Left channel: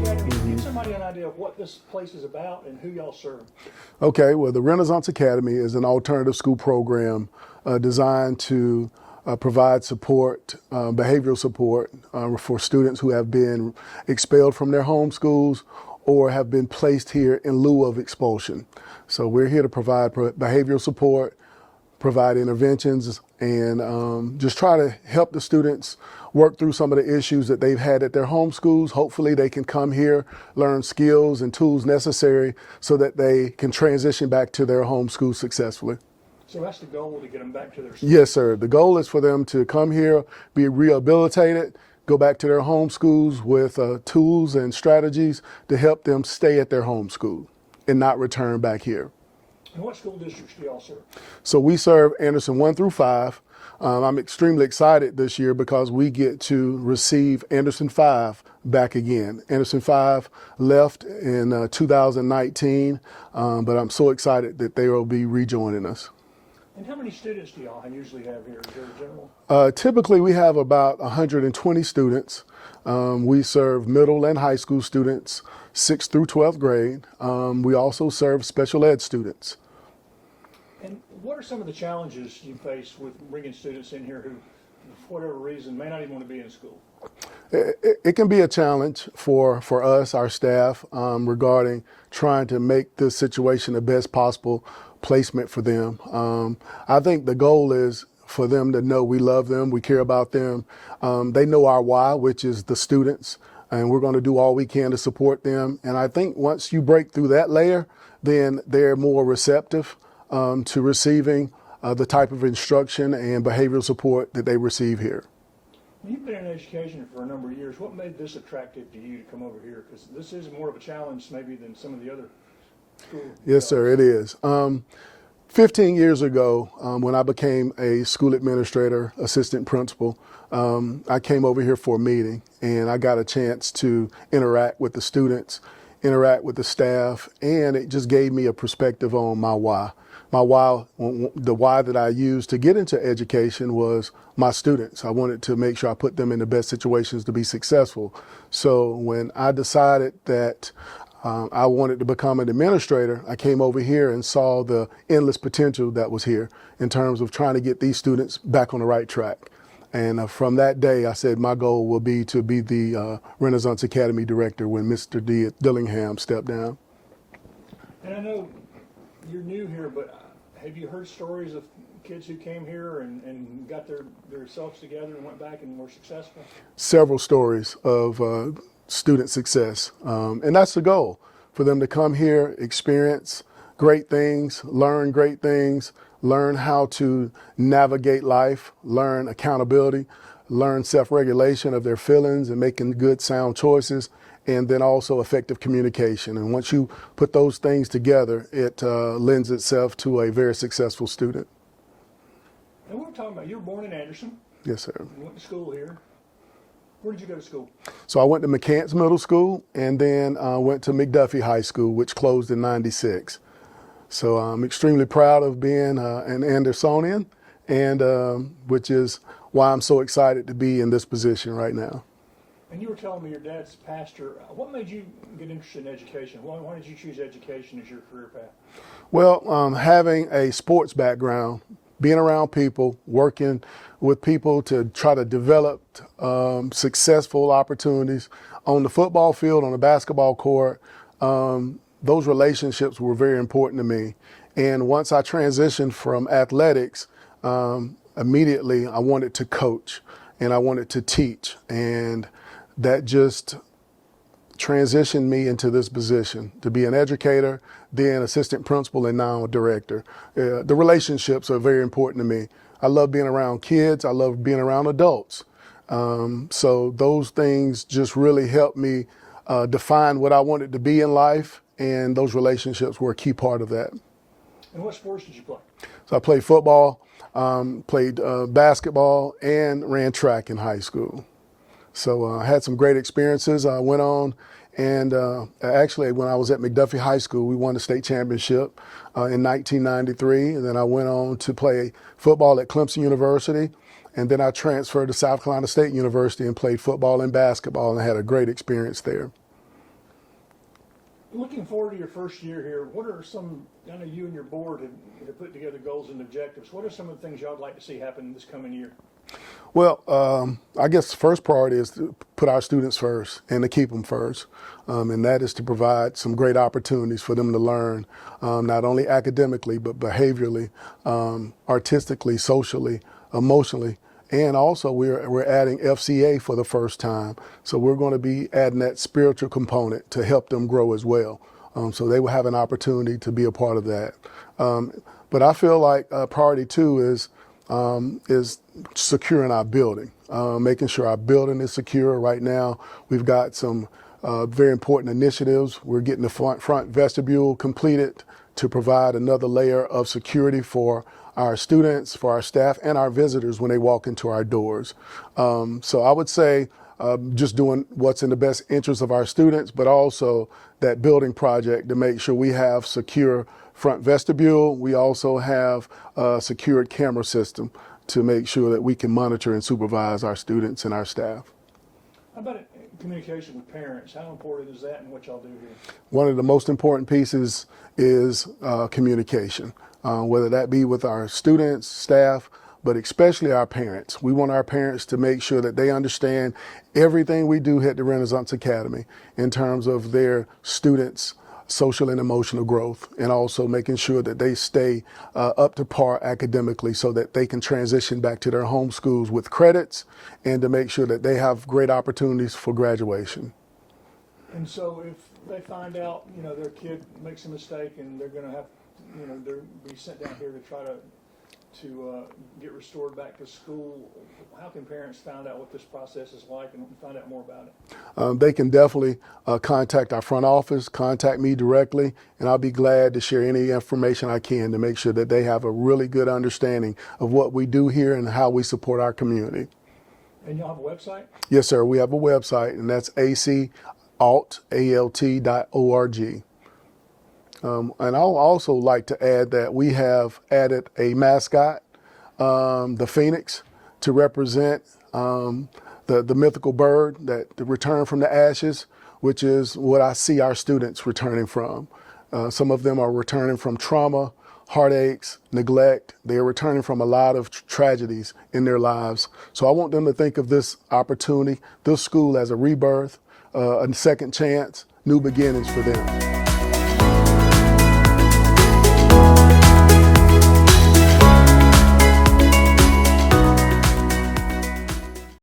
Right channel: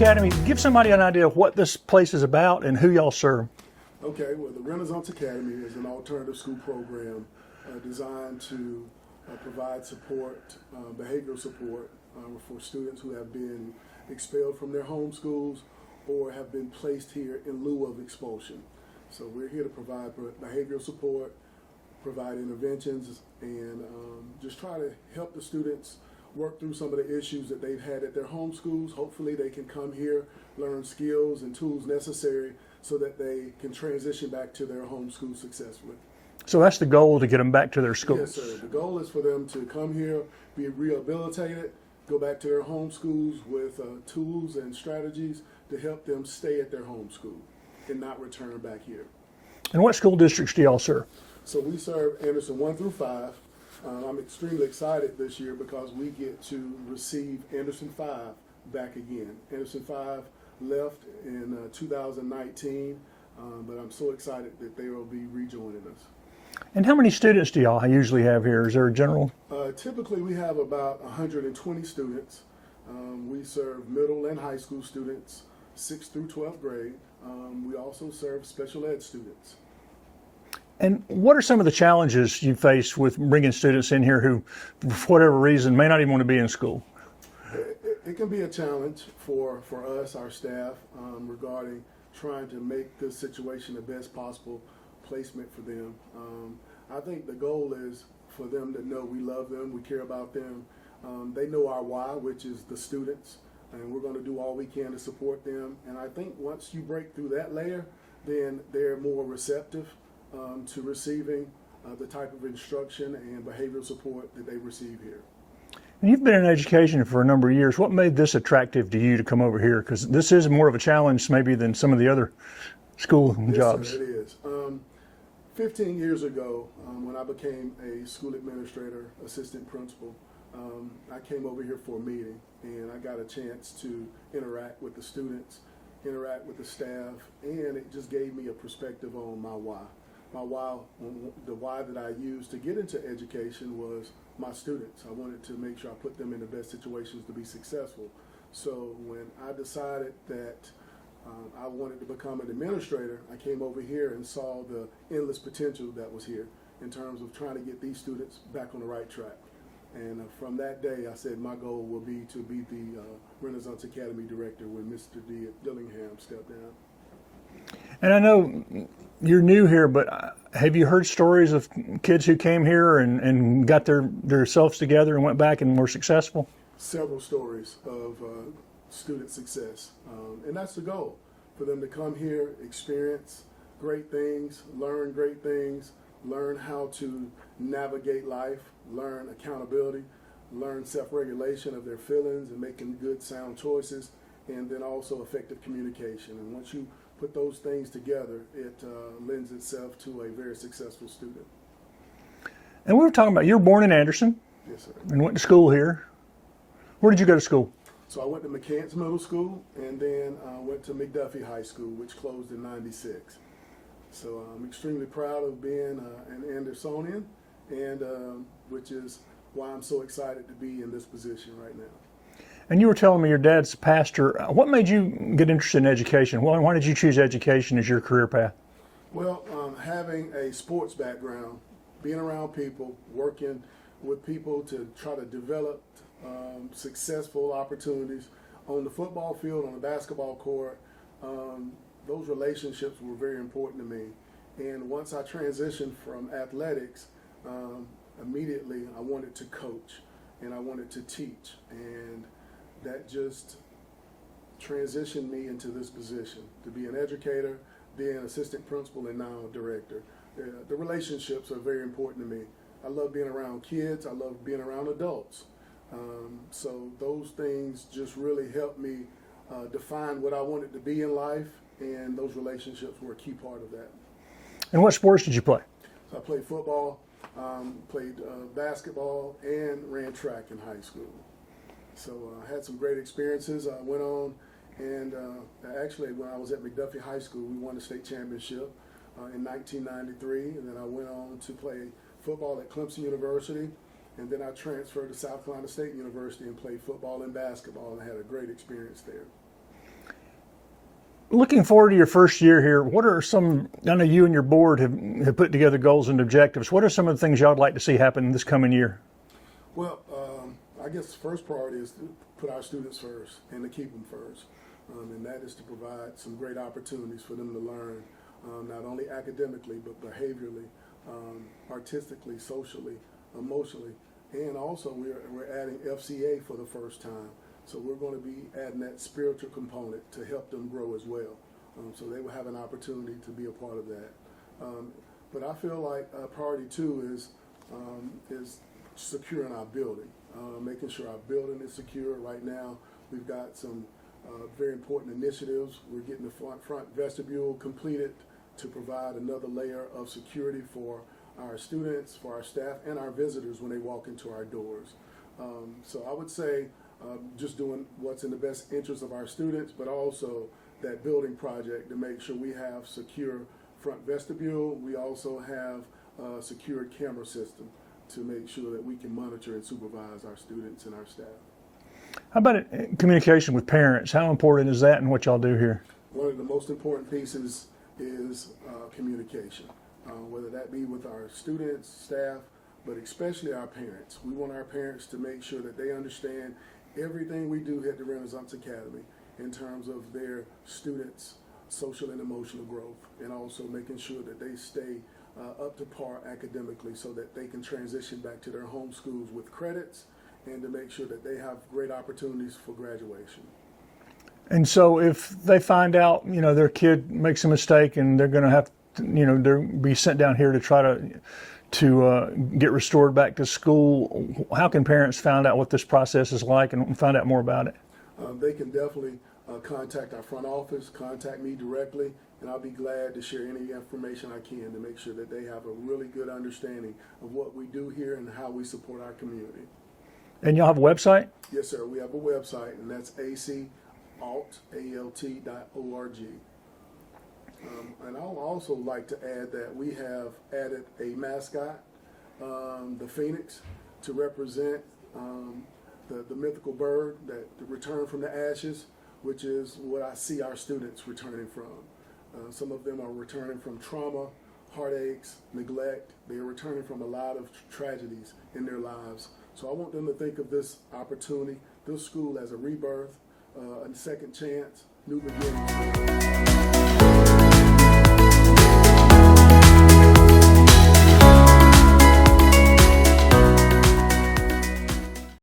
Academy. Give somebody an idea of what this place is about and who y'all serve. Okay, well, the Renaissance Academy is an alternative school program designed to provide support, behavioral support for students who have been expelled from their home schools or have been placed here in lieu of expulsion. So we're here to provide behavioral support, provide interventions, and just try to help the students work through some of the issues that they've had at their home schools. Hopefully they can come here, learn skills and tools necessary so that they can transition back to their home school successfully. So that's the goal, to get them back to their school? Yes, sir. The goal is for them to come here, be rehabilitated, go back to their home schools with tools and strategies to help them stay at their home school and not return back here. And what school districts do y'all serve? So we serve Anderson 1 through 5. I'm extremely excited this year because we get to receive Anderson 5 back again. Anderson 5 left in 2019, but I'm so excited that they will be rejoining us. And how many students do y'all usually have here? Is there a general? Typically we have about 120 students. We serve middle and high school students, 6th through 12th grade. We also serve special ed students. And what are some of the challenges you face with bringing students in here who, for whatever reason, may not even want to be in school? It can be a challenge for us, our staff, regarding trying to make this situation the best possible placement for them. I think the goal is for them to know we love them, we care about them. They know our why, which is the students, and we're going to do all we can to support them. And I think once you break through that layer, then they're more receptive to receiving the type of instruction and behavioral support that they receive here. You've been in education for a number of years. What made this attractive to you to come over here? Because this is more of a challenge maybe than some of the other school jobs. Yes, sir, it is. 15 years ago, when I became a school administrator, assistant principal, I came over here for a meeting and I got a chance to interact with the students, interact with the staff, and it just gave me a perspective on my why. My why, the why that I used to get into education was my students. I wanted to make sure I put them in the best situations to be successful. So when I decided that I wanted to become an administrator, I came over here and saw the endless potential that was here in terms of trying to get these students back on the right track. And from that day, I said my goal will be to be the Renaissance Academy director when Mr. Dillingham stepped down. And I know you're new here, but have you heard stories of kids who came here and got their selves together and went back and were successful? Several stories of student success. And that's the goal, for them to come here, experience great things, learn great things, learn how to navigate life, learn accountability, learn self-regulation of their feelings and making good, sound choices, and then also effective communication. And once you put those things together, it lends itself to a very successful student. And we were talking about, you were born in Anderson. Yes, sir. And went to school here. Where did you go to school? So I went to McGowens Middle School and then went to McDuffie High School, which closed in '96. So I'm extremely proud of being an Andersonian, and which is why I'm so excited to be in this position right now. And you were telling me your dad's a pastor. What made you get interested in education? Why did you choose education as your career path? Well, having a sports background, being around people, working with people to try to develop successful opportunities on the football field, on the basketball court, those relationships were very important to me. And once I transitioned from athletics, immediately I wanted to coach and I wanted to teach. And that just transitioned me into this position to be an educator, then assistant principal, and now a director. The relationships are very important to me. I love being around kids. I love being around adults. So those things just really helped me define what I wanted to be in life, and those relationships were a key part of that. And what sports did you play? So I played football, played basketball, and ran track in high school. So I had some great experiences. I went on, and actually when I was at McDuffie High School, we won the state championship in 1993. And then I went on to play football at Clemson University. And then I transferred to South Carolina State University and played football and basketball, and had a great experience there. Looking forward to your first year here, what are some, I know you and your board have put together goals and objectives. What are some of the things y'all would like to see happen this coming year? Well, I guess the first priority is to put our students first and to keep them first. And that is to provide some great opportunities for them to learn, not only academically, but behaviorally, artistically, socially, emotionally. And also we're adding FCA for the first time. So we're going to be adding that spiritual component to help them grow as well. So they will have an opportunity to be a part of that. But I feel like priority two is securing our building, making sure our building is secure. Right now, we've got some very important initiatives. We're getting the front vestibule completed to provide another layer of security for our students, for our staff, and our visitors when they walk into our doors. So I would say just doing what's in the best interest of our students, but also that building project to make sure we have secure front vestibule. We also have a secured camera system to make sure that we can monitor and supervise our students and our staff. How about communication with parents? How important is that in what y'all do here? One of the most important pieces is communication, whether that be with our students, staff, but especially our parents. We want our parents to make sure that they understand everything we do at the Renaissance Academy in terms of their students' social and emotional growth, and also making sure that they stay up to par academically so that they can transition back to their home schools with credits, and to make sure that they have great opportunities for graduation. And so if they find out, their kid makes a mistake and they're going to have to, they're be sent down here to try to get restored back to school, how can parents find out what this process is like and find out more about it? They can definitely contact our front office, contact me directly, and I'll be glad to share any information I can to make sure that they have a really good understanding of what we do here and how we support our community. And y'all have a website? Yes, sir. We have a website, and that's acalt.org. And I'll also like to add that we have added a mascot, the Phoenix, to represent the mythical bird that returned from the ashes, which is what I see our students returning from. Some of them are returning from trauma, heartaches, neglect. They are returning from a lot of tragedies in their lives. So I want them to think of this opportunity, this school, as a rebirth, a second chance, new beginnings for them.